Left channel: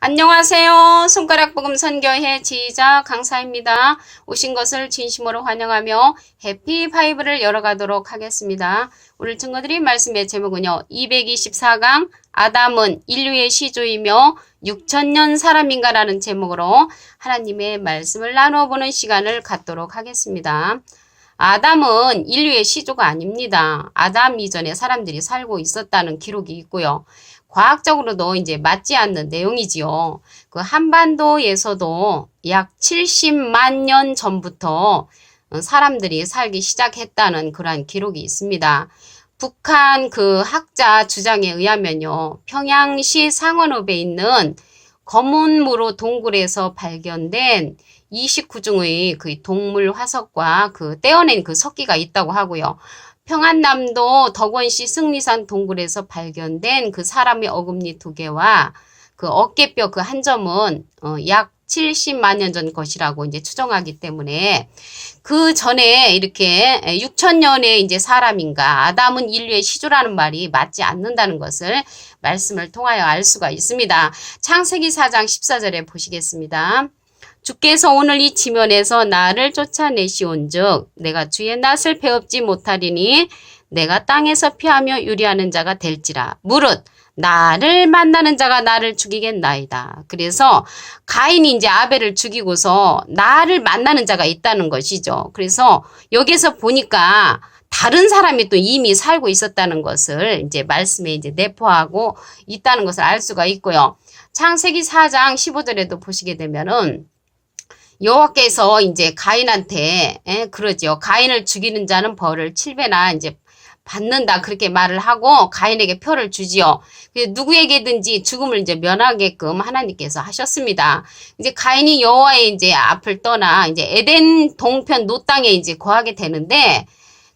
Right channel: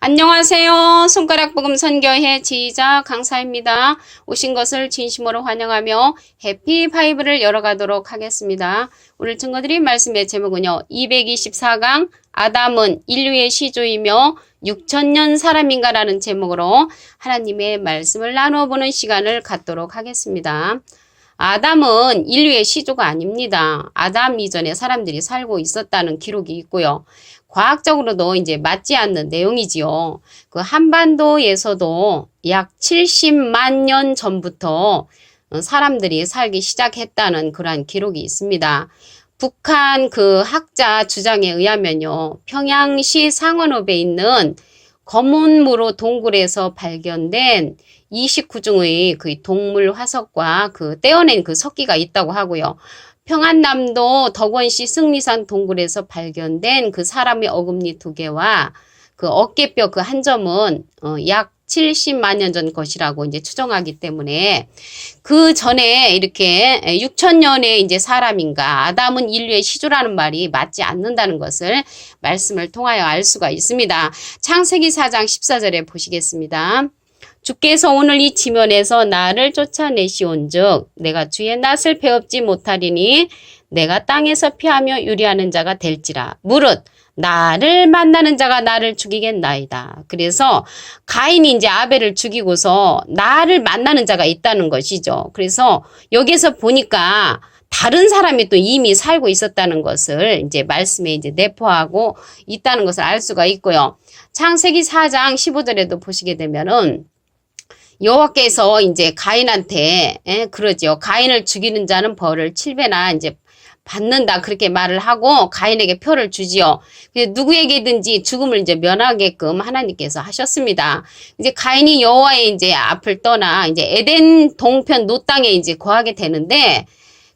안녕하세요. 손가락복음 선교회 지휘자 강사입니다. 오신 것을 진심으로 환영하며 해피파이브를 열어가도록 하겠습니다. 오늘 증거드릴 말씀의 제목은요. 224강 아담은 인류의 시조이며 6천년 사람인가 라는 제목으로 하나님의 말씀을 나눠보는 시간을 갖도록 하겠습니다. 아담은 인류의 시조가 아닙니다. 아담 이전에 사람들이 살고 있었다는 기록이 있고요. 과학적으로도 이제 맞지 않는 내용이지요. 그 한반도에서도 약 70만 년 전부터 사람들이 살기 시작했다는 그러한 기록이 있습니다. 북한 그 학자 주장에 의하면요. 평양시 상원읍에 있는 검은무로 동굴에서 발견된 29종의 그 동물 화석과 그 떼어낸 그 석기가 있다고 하고요. 평안남도 덕원시 승리산 동굴에서 발견된 그 사람의 어금니 2개와 그 어깨뼈 그 한 점은 약 70만 년 전 것이라고 이제 추정하기 때문에 그 전에 이렇게 6천년의 이제 사람인가 아담은 인류의 시조라는 말이 맞지 않는다는 것을 말씀을 통하여 알 수가 있습니다. 창세기 4장 14절에 보시겠습니다. 주께서 오늘 이 지면에서 나를 쫓아내시온즉 내가 주의 낯을 배웁지 못하리니 내가 땅에서 피하며 유리하는 자가 될지라. 무릇 나를 만나는 자가 나를 죽이겠나이다. 그래서 가인이 이제 아벨을 죽이고서 나를 만나는 자가 있다는 것이죠. 그래서 여기서 보니까 다른 사람이 또 이미 살고 있었다는 것을 이제 말씀에 이제 내포하고 있다는 것을 알 수가 있고요. 창세기 4장 15절에도 보시게 되면은 여호와께서 이제 가인한테 그러죠. 가인을 죽이는 자는 벌을 7배나 이제 받는다 그렇게 말을 하고 가인에게 표를 주지요. 누구에게든지 죽음을 이제 면하게끔 하나님께서 하셨습니다. 이제 가인이 여호와의 이제 앞을 떠나 이제 에덴 동편 노 땅에 이제 거하게 되는데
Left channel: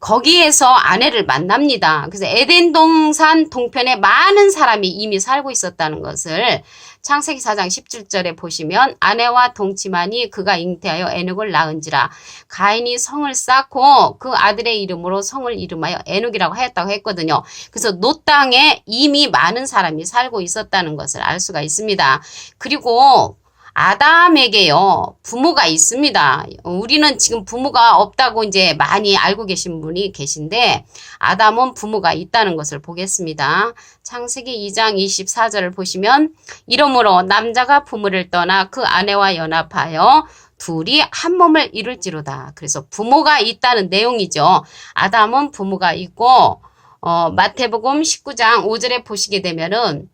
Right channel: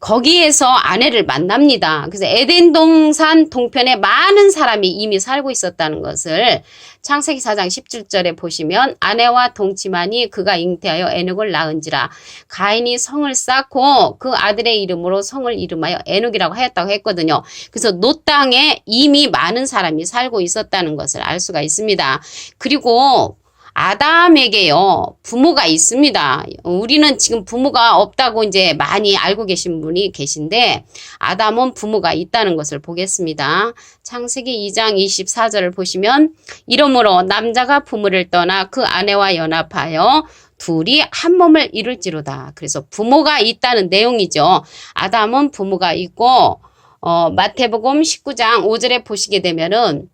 거기에서 아내를 만납니다. 그래서 에덴 동산 동편에 많은 사람이 이미 살고 있었다는 것을 창세기 4장 17절에 보시면 아내와 동침하니 그가 잉태하여 에녹을 낳은지라. 가인이 성을 쌓고 그 아들의 이름으로 성을 이름하여 에녹이라고 하였다고 했거든요. 그래서 노 땅에 이미 많은 사람이 살고 있었다는 것을 알 수가 있습니다. 그리고 아담에게요, 부모가 있습니다. 우리는 지금 부모가 없다고 이제 많이 알고 계신 분이 계신데, 아담은 부모가 있다는 것을 보겠습니다. 창세기 2장 24절을 보시면, 이러므로 남자가 부모를 떠나 그 아내와 연합하여 둘이 한 몸을 이룰지로다. 그래서 부모가 있다는 내용이죠. 아담은 부모가 있고, 마태복음 19장 5절에 보시게 되면은,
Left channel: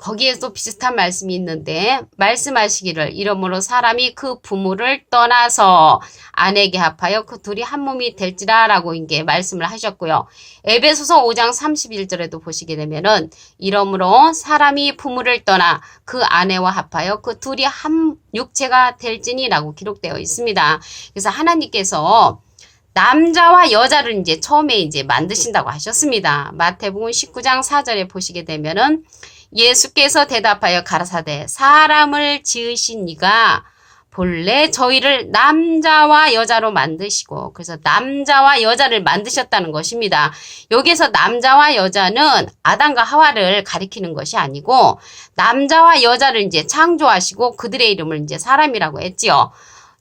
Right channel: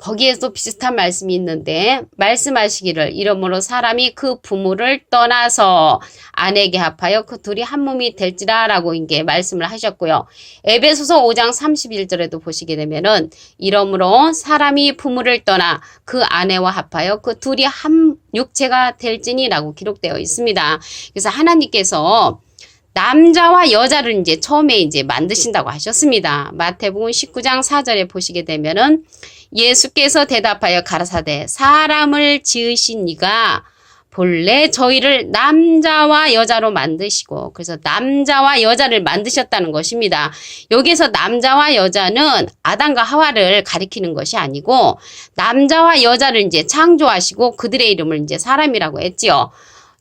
거기에도 비슷한 말씀이 있는데 말씀하시기를 이러므로 사람이 그 부모를 떠나서 아내에게 합하여 그 둘이 한 몸이 될지라 라고 이게 말씀을 하셨고요. 에베소서 5장 31절에도 보시게 되면은 이러므로 사람이 부모를 떠나 그 아내와 합하여 그 둘이 한 육체가 될지니 라고 기록되어 있습니다. 그래서 하나님께서 남자와 여자를 이제 처음에 이제 만드신다고 하셨습니다. 마태복음 19장 4절에 보시게 되면은 예수께서 대답하여 가라사대 사람을 지으신 이가 본래 저희를 남자와 여자로 만드시고 그래서 남자와 여자를 만드셨다는 것입니다. 여기서 남자와 여자는 아담과 하와를 가리키는 것이 아니고 남자와 여자를 이제 창조하시고 그들의 이름을 이제 사람이라고 했지요.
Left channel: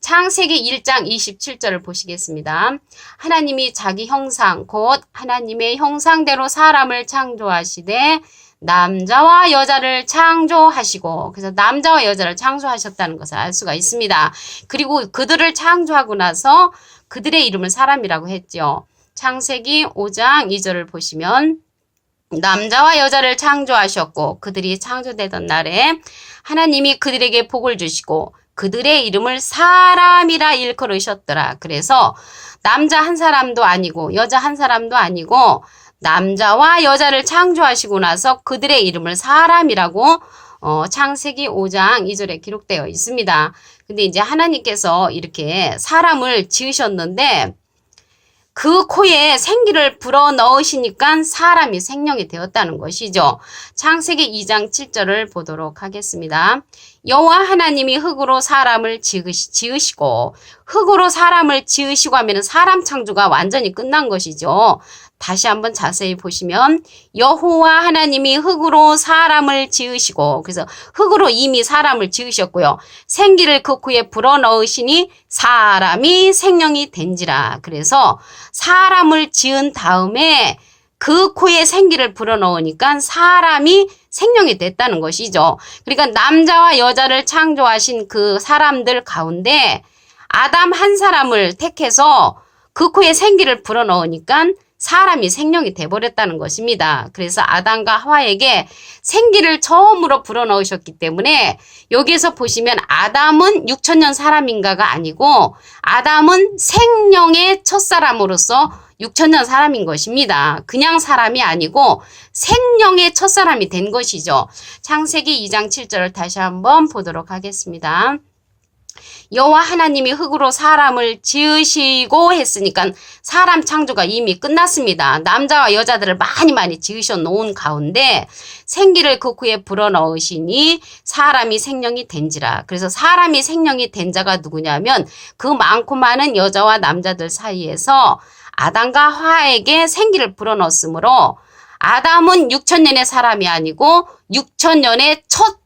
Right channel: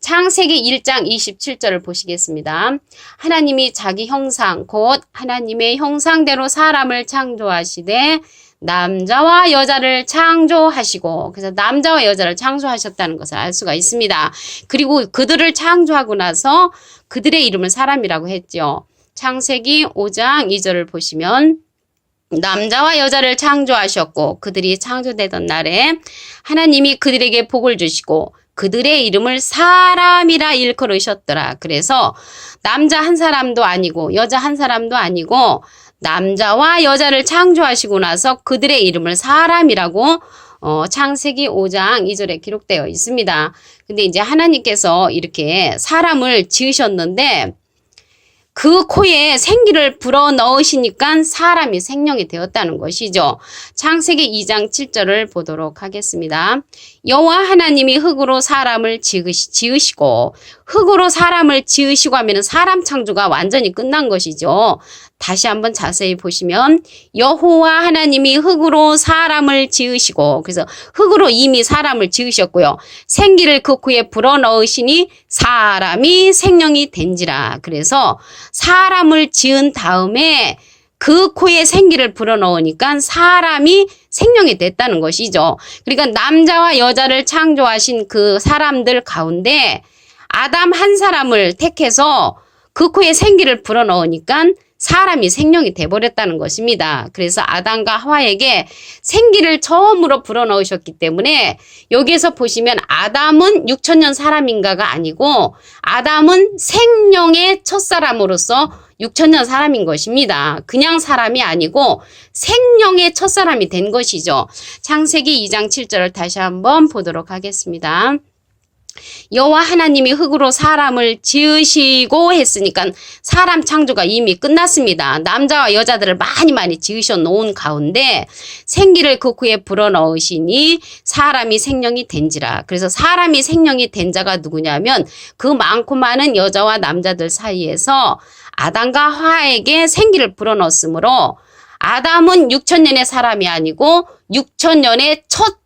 창세기 1장 27절을 보시겠습니다. 하나님이 자기 형상 곧 하나님의 형상대로 사람을 창조하시되 남자와 여자를 창조하시고 그래서 남자와 여자를 창조하셨다는 것을 알 수가 있습니다. 그리고 그들을 창조하고 나서 그들의 이름을 사람이라고 했죠. 창세기 5장 2절을 보시면 남자와 여자를 창조하셨고 그들이 창조되던 날에 하나님이 그들에게 복을 주시고 그들의 이름을 사람이라 일컬으셨더라. 그래서 남자 한 사람도 아니고 여자 한 사람도 아니고 남자와 여자를 창조하시고 나서 그들의 이름을 사람이라고 창세기 5장 2절에 기록되어 있습니다. 근데 이제 하나님께서 이렇게 사람을 지으셨는데 그 코에 생기를 불어넣으시니까 사람이 생명이 되었다는 것이죠. 창세기 2장 7절을 보도록 하겠습니다. 여호와 하나님이 흙으로 사람을 지으시고 흙으로 사람을 지으시고 하면은 사람 창조가 완전히 끝난 것이죠. 다시 한번 자세히 보시면 여호와 하나님이 흙으로 사람을 지으시고 그래서 흙으로 이미 사람을 지으셨고요. 생기를 그 코에 불어넣으시니 사람이 생명이 된지라. 그래서 사람을 지은 다음에 그 코에 생기를 불어넣으니까 사람이 생명이 됐다는 것이죠. 그러니까 남자와 여자를 창조하신 그 사람들 가운데 아담 한 사람을 택해서 그 코에 생기를 불어넣으니까 사람이 생명이 돼버렸다는 것입니다. 그래서 아담과 하와에게 생기를 처음으로 불어넣으셨기 때문에 여기에서 보시면 아담은 6천년 사람인가가 아니고 아담은 생명의 첫사람으로서 6천년 사람인 것입니다. 그냥 사람이 아니고 생명의 첫사람이 된 것이죠. 창세기 2장 7절을 다시 한번 보도록 하겠습니다. 여호와 하나님이 흙으로 사람을 지으시고 했으니까 사람 창조가 이미 끝났습니다. 남자와 여자들을 많이 지으셔 놓은 가운데 생기를 그 코에 불어넣으시니 사람이 생명이 된지라. 그래서 사람이 생명이 된 자가 누구냐면 그 많고 많은 여자와 남자들 사이에서 아담과 하와에게 생기를 불어넣었으므로 아담은 6천년의 사람이 아니고 6천년의 첫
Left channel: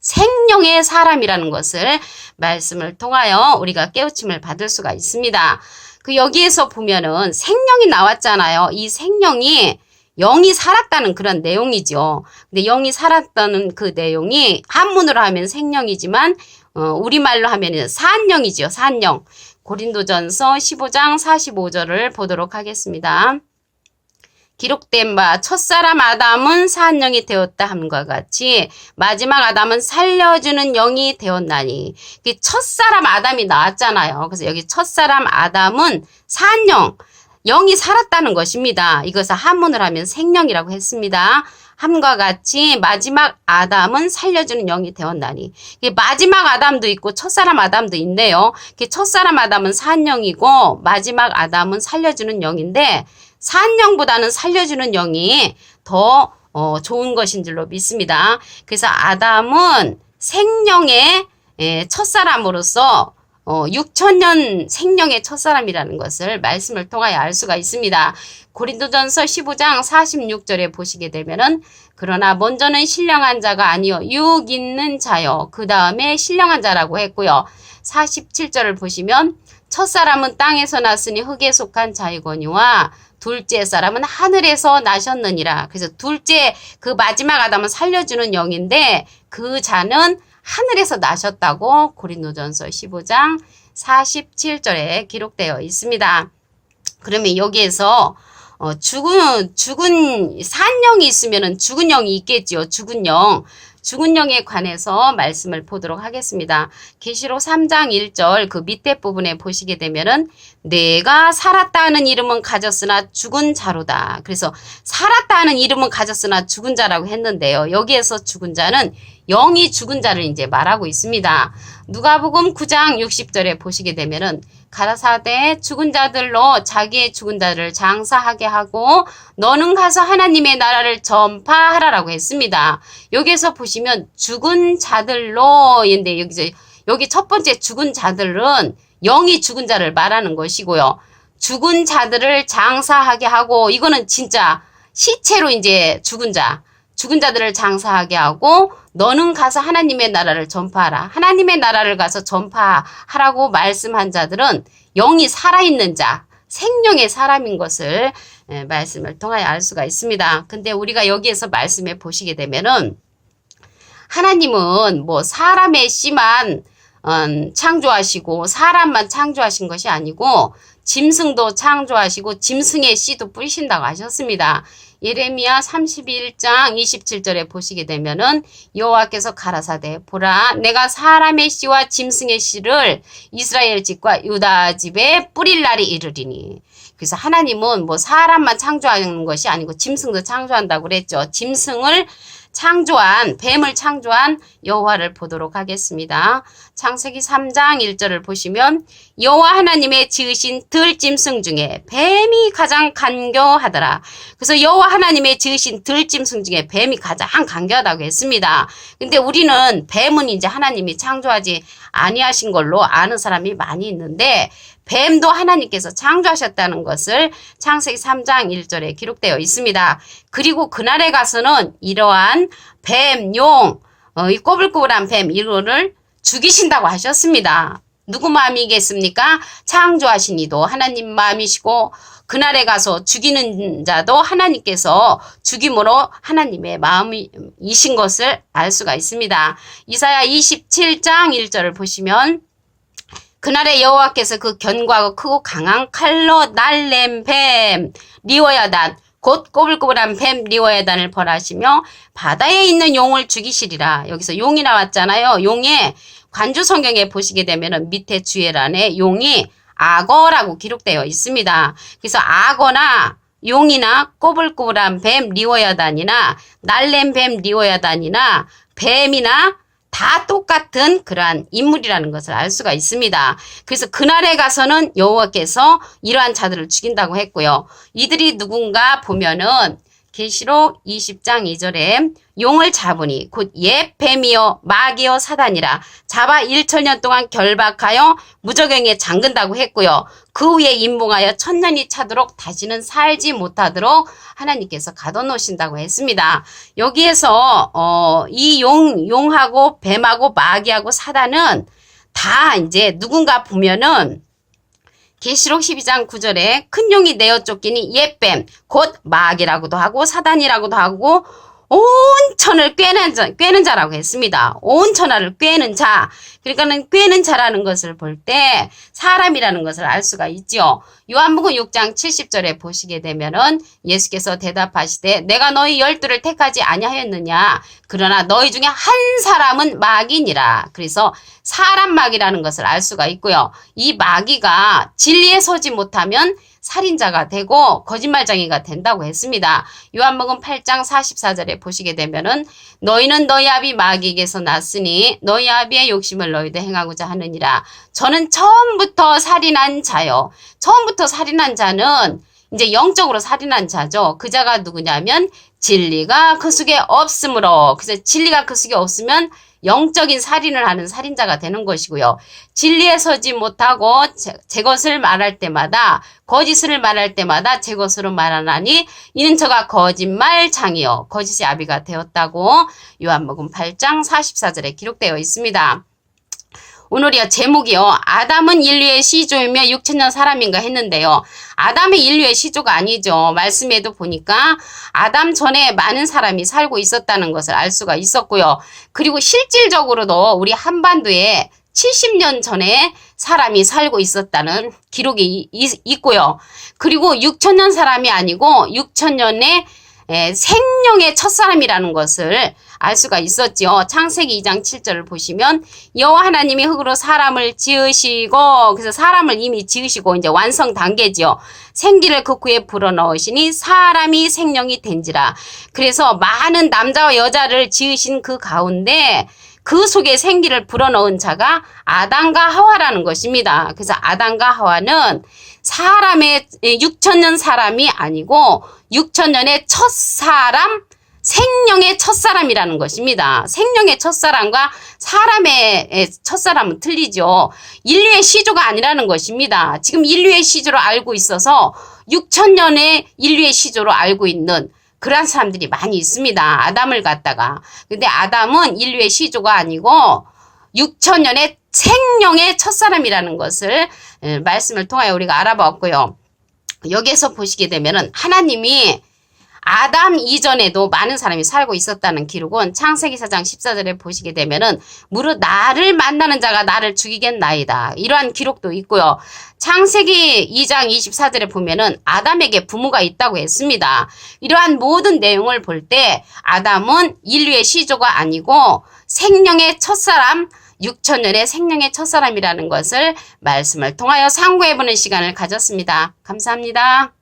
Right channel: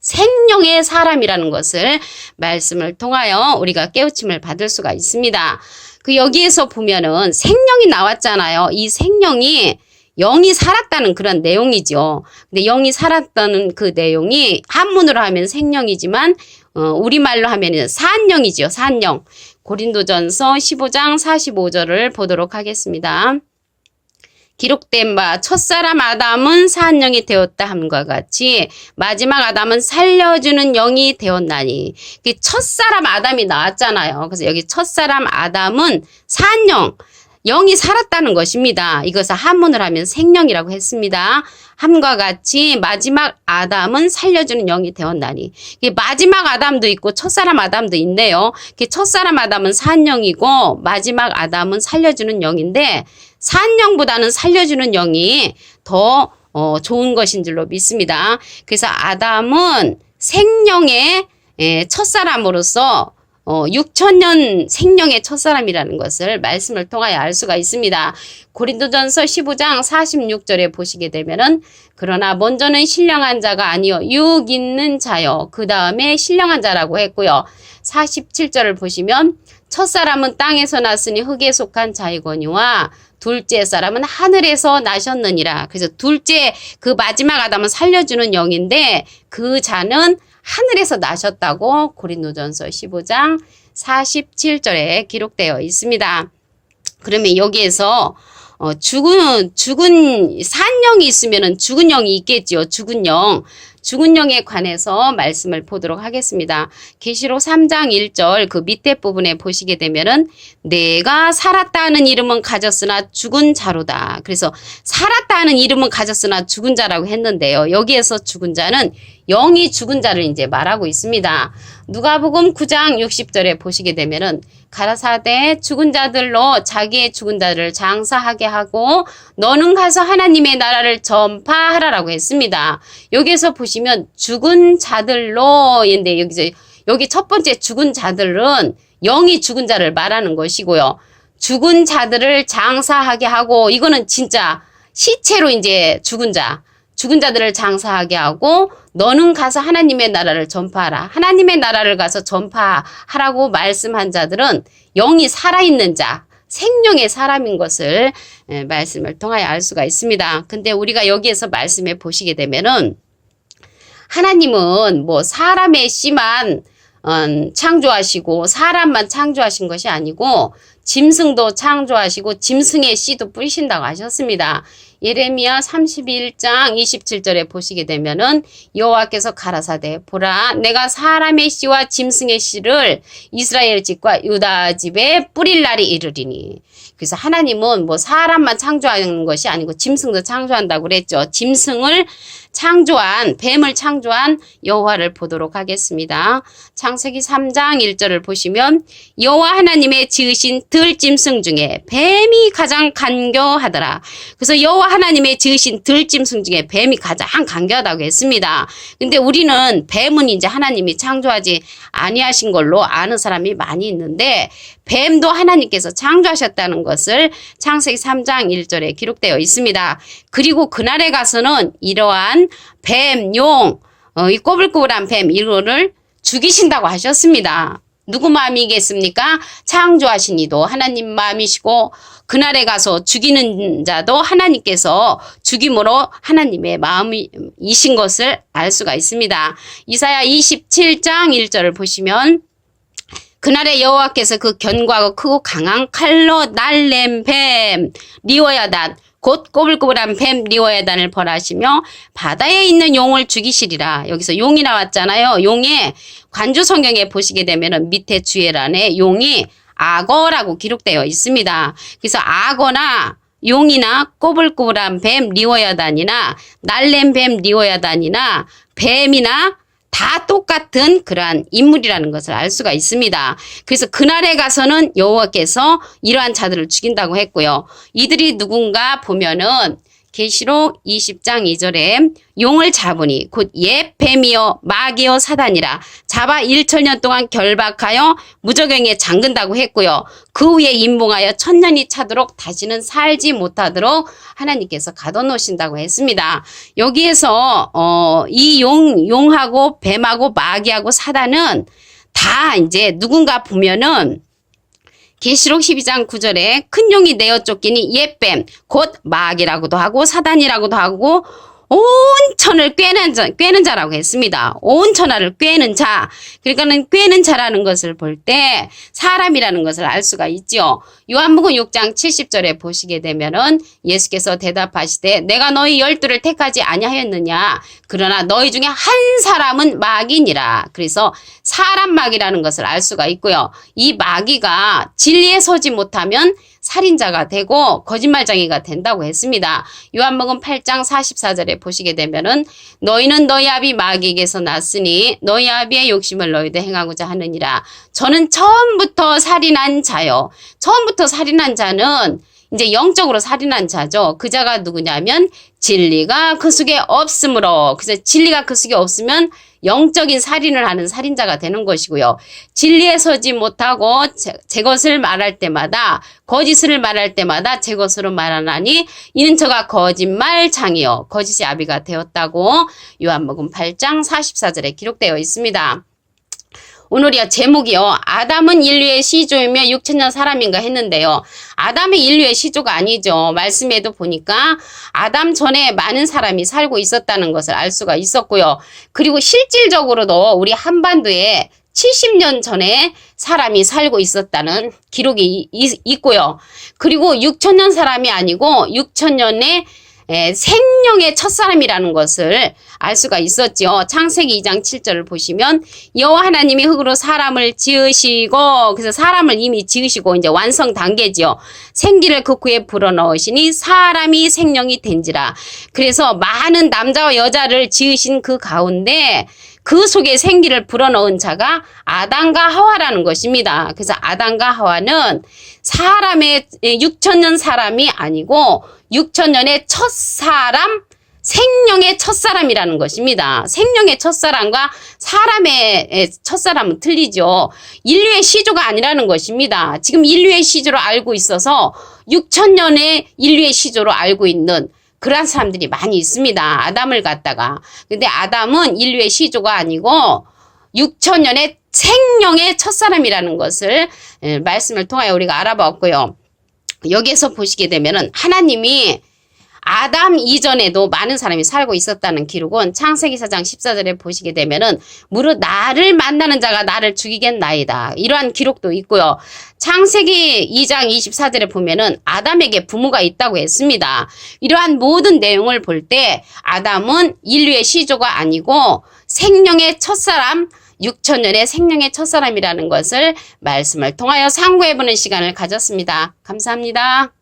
생명의 사람이라는 것을 말씀을 통하여 우리가 깨우침을 받을 수가 있습니다. 그 여기에서 보면은 생명이 나왔잖아요. 이 생명이 영이 살았다는 그런 내용이죠. 근데 영이 살았다는 그 내용이 한문으로 하면 생명이지만 우리말로 하면은 산영이죠. 산영. 고린도전서 15장 45절을 보도록 하겠습니다. 기록된 바 첫사람 아담은 산영이 되었다 함과 같이 마지막 아담은 살려주는 영이 되었나니. 첫사람 아담이 나왔잖아요. 그래서 여기 첫사람 아담은 산영, 영이 살았다는 것입니다. 이것을 한문을 하면 생명이라고 했습니다. 함과 같이 마지막 아담은 살려주는 영이 되었나니. 마지막 아담도 있고 첫사람 아담도 있네요. 첫사람 아담은 산영이고 마지막 아담은 살려주는 영인데 산영보다는 살려주는 영이 더 좋은 것인 줄로 믿습니다. 그래서 아담은 생명의 첫사람으로서 6천년 생명의 첫사람이라는 것을 말씀을 통하여 알 수가 있습니다. 고린도전서 15장 46절에 보시게 되면은 그러나 먼저는 신령한 자가 아니요 육 있는 자요 그 다음에 신령한 자라고 했고요. 47절을 보시면 첫사람은 땅에서 났으니 흙에 속한 자이거니와 둘째 사람은 하늘에서 나셨느니라. 그래서 둘째 그 마지막 아담은 살려주는 영인데 그 자는 하늘에서 나셨다고 고린도전서 15장 47절에 기록되어 있습니다. 그러면 여기에서 죽은 산영이 있으면은 죽은 영이 있겠지요. 죽은 영. 죽은 영에 관해서 말씀을 보도록 하겠습니다. 계시록 3장 1절 그 밑에 부분에 보시게 되면은 내가 살았다 하는 이름은 가졌으나 죽은 자로다. 그래서 살았다 하는 이름은 가졌으나 죽은 자라고 했는데요. 여기에서 죽은 자는 영이 죽은 자를 이제 말하고 있습니다. 누가복음 9장 60절에 보시게 되면은 가라사대 죽은 자들로 자기의 죽은 자를 장사하게 하고 너는 가서 하나님의 나라를 전파하라라고 했습니다. 여기에서 보시면 죽은 자들로인데 여기 첫 번째 죽은 자들은 영이 죽은 자를 말하는 것이고요. 죽은 자들을 장사하게 하고 이거는 진짜 시체로 이제 죽은 자들을 장사하게 하고 너는 가서 하나님의 나라를 전파하라. 하나님의 나라를 가서 전파하라고 말씀한 자들은 영이 살아있는 자, 생명의 사람인 것을 말씀을 통하여 알 수가 있습니다. 근데 우리가 여기에서 말씀해 보시게 되면은 하나님은 뭐 사람의 씨만 창조하시고 사람만 창조하신 것이 아니고 짐승도 창조하시고 짐승의 씨도 뿌리신다고 하셨습니다. 예레미야 31장 27절에 보시게 되면은 여호와께서 가라사대 보라 내가 사람의 씨와 짐승의 씨를 이스라엘 집과 유다 집에 뿌릴 날이 이르리니. 그래서 하나님은 뭐 사람만 창조하는 것이 아니고 짐승도 창조한다고 그랬죠. 짐승을 창조한 뱀을 창조한 여호와를 보도록 하겠습니다. 창세기 3장 1절을 보시면 여호와 하나님의 지으신 들짐승 중에 뱀이 가장 간교하더라. 그래서 여호와 하나님의 지으신 들짐승 중에 뱀이 가장 간교하다고 했습니다. 근데 우리는 뱀은 이제 하나님이 창조하지 아니하신 걸로 아는 사람이 많이 있는데 뱀도 하나님께서 창조하셨다는 것을 창세기 3장 1절에 기록되어 있습니다. 그리고 그날에 가서는 이러한 뱀, 용, 이 꼬불꼬불한 뱀 이거를 죽이신다고 하셨습니다. 누구 마음이겠습니까? 창조하신 이도 하나님 마음이시고 그날에 가서 죽이는 자도 하나님께서 죽임으로 하나님의 마음이신 것을 알 수가 있습니다. 이사야 27장 1절을 보시면 그날에 여호와께서 그 견고하고 크고 강한 칼로 날렘 뱀 리워야단 곧 꼬불꼬불한 뱀 리워야단을 벌하시며 바다에 있는 용을 죽이시리라. 여기서 용이 나왔잖아요. 용의 관주 성경에 보시게 되면은 밑에 주예란에 용이 악어라고 기록되어 있습니다. 그래서 악어나 용이나 꼬불꼬불한 뱀 리워야단이나 날렘 뱀 리워야단이나 뱀이나 다 똑같은 그러한 인물이라는 것을 알 수가 있습니다. 그래서 그날에 가서는 여호와께서 이러한 자들을 죽인다고 했고요. 이들이 누군가 보면은 계시록 20장 2절에 용을 잡으니 곧 옛 뱀이요 마귀요 사단이라 잡아 1000년 동안 결박하여 무저갱에 잠근다고 했고요. 그 후에 임봉하여 1000년이 차도록 다시는 살지 못하도록 하나님께서 가둬놓으신다고 했습니다. 여기에서 이 용하고 뱀하고 마귀하고 사단은 다 이제 누군가 보면은 계시록 12장 9절에 큰 용이 내어 쫓기니 옛뱀 곧 마귀라고도 하고 사단이라고도 하고 온 천을 꿰는 자라고 했습니다. 온 천하를 꿰는 자. 그러니까는 꿰는 자라는 것을 볼 때 사람이라는 것을 알 수가 있죠. 요한복음 6장 70절에 보시게 되면은 예수께서 대답하시되 내가 너희 12를 택하지 아니하였느냐. 그러나 너희 중에 한 사람은 마귀니라. 그래서 사람 마귀라는 것을 알 수가 있고요. 이 마귀가 진리에 서지 못하면 살인자가 되고 거짓말쟁이가 된다고 했습니다. 요한복음 8장 44절에 보시게 되면은 너희는 너희 아비 마귀에게서 났으니 너희 아비의 욕심을 너희도 행하고자 하느니라. 저는 처음부터 살인한 자요. 처음부터 살인한 자는 이제 영적으로 살인한 자죠. 그 자가 누구냐면 진리가 그 속에 없으므로. 그래서 진리가 그 속에 없으면 영적인 살인을 하는 살인자가 되는 것이고요. 진리에 서지 못하고 제 것을 말할 때마다 거짓을 말할 때마다 제 것으로 말하나니 이는 저가 거짓말장이요 거짓의 아비가 되었다고 요한복음 8장 44절에 기록되어 있습니다. 오늘이요 제목이요 아담은 인류의 시조이며 6000년 사람인가 했는데요. 아담의 인류의 시조가 아니죠. 말씀에도 보니까 아담 전에 많은 사람이 살고 있었다는 것을 알 수가 있었고요. 그리고 실질적으로도 우리 한반도에 70년 전에 사람이 살고 있었다는 기록이 있고요. 그리고 6000년 사람이 아니고 6000년의 생명의 첫사람이라는 것을 알 수가 있었죠. 창세기 2장 7절을 보시면 여호와 하나님이 흙으로 사람을 지으시고 그래서 사람을 이미 지으시고 이제 완성 단계지요. 생기를 그 구에 불어넣으시니 사람이 생명이 된지라. 그래서 많은 남자와 여자를 지으신 그 가운데 그 속에 생기를 불어넣은 자가 아담과 하와라는 것입니다. 그래서 아담과 하와는 사람의 6000년 사람이 아니고 6000년의 첫사람, 생명의 첫사람이라는 것입니다. 생명의 첫사람과 사람의 첫사람은 틀리죠. 인류의 시조가 아니라는 것입니다. 지금 인류의 시조로 알고 있어서 6000년의 인류의 시조로 알고 있는 그러한 사람들이 많이 있습니다. 아담을 갖다가. 근데 아담은 인류의 시조가 아니고 6000년의 생명의 첫사람이라는 것을 말씀을 통하여 우리가 알아봤고요. 여기에서 보시게 되면은 하나님이 아담 이전에도 많은 사람이 살고 있었다는 기록은 창세기 4장 14절에 보시게 되면은 무릇 나를 만나는 자가 나를 죽이겠나이다. 이러한 기록도 있고요. 창세기 2장 24절에 보면은 아담에게 부모가 있다고 했습니다. 이러한 모든 내용을 볼 때 아담은 인류의 시조가 아니고 생명의 첫사람, 6000년의 생명의 첫사람이라는 것을 말씀을 통하여 상고해보는 시간을 가졌습니다. 감사합니다.